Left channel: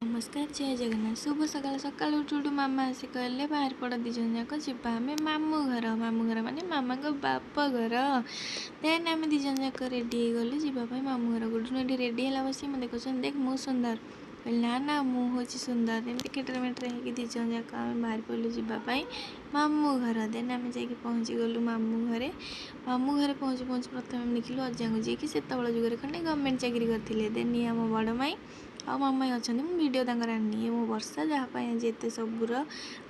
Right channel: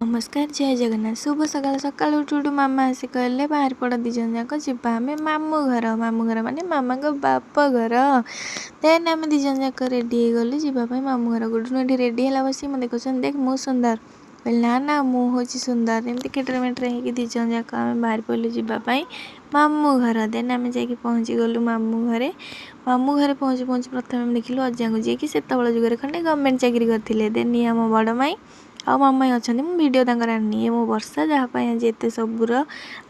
नमस्कार जय जगन्नाथ शुभ सकाल सकाल उठू उठू मामा आसी कहले बाहर पड़ दी जन जाक जीवा आम मामू घर माने मामा को बाप घर देन आम दी जन जाक रेडी गलु जीवाई मामू घर गोटू ये रेडी है बस मैं देखुं देख मु सुंदर कहले ना मु हूँ सुंदर एमती केटर मेटर हो दी जन जाक आम बाहर पड़लु जीवाई मामू घर देन आम जा पहुँची गलु मामू घरे पहुँची प्रथम देखिलु अजा को जी से जुगे खंडे गवर्नमेंट चाकरी करते देन ये आम बड़ माई आ मामा अच्छा मुझे वीडियो आनी मो वर्षा जहाँपाई आज एत सबूर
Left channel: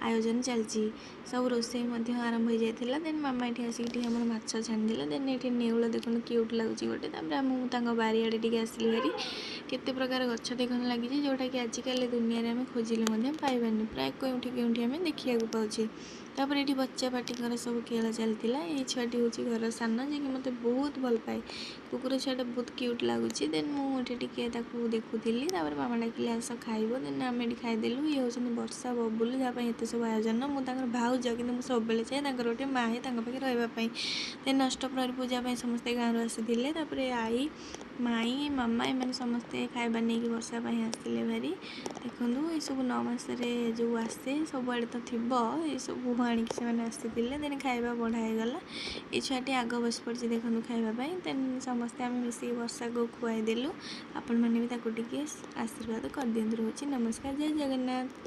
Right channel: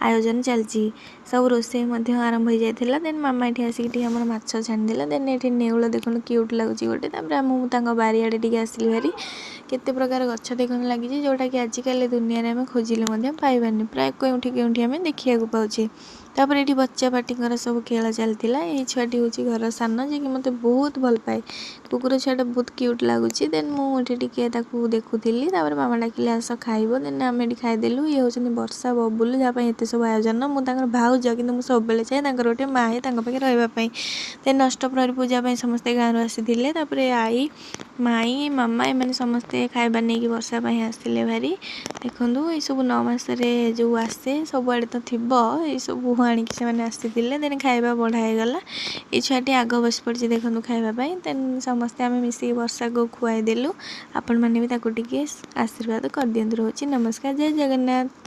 आयोजन चलती सब रोसे आरंभ हो जाता देन मामा ये आसिक माछ छाणीदे देन ये नेउल देखो क्यूट लगुच गोटे मुझे बारियाड़े आसली भारी केते प्रकार गछ देखने लगी जोटा कि आजिकल दुनिया में खोजिले पाइबानी प्राय कौटी आम देखा पाचे तापर ये बच्चा पार्टी सब खेल चलती ये छुआटी हूँ घर सान जी मत बहुत भल पाए कुकुर छुआटा बहुत क्यूट लगुच देन मुझे देखुली मामा डाकिले आस खाइब देन आम ये खाईदेलु ये हूँ वर्षा बबुल जहाँ एत सब आयोजन मुझे भाउज कि सब चाहे गोटे माए पाखे रही देन अष्टप्रहरी पूजा समस्ते गाँव आसी आई माई मामा एम समस्ते खाइबा नहीं कि वर्षा आसते भारी देखूँ ये सब 9 मासरे जो आसे सबुआड़े तो थी ये सब आणिक से आसी देन खाଇବା बढ़ाईगला ये छुआटी आग बस पड़ी देखूँ खाइबापी देन समस्ते आम मिसिक वर्षा को खुआईदेलु आपण मैंने भी टी आशीर्वाद कर दिखाँ रोचे नमस्कार जय जगन्नाथ।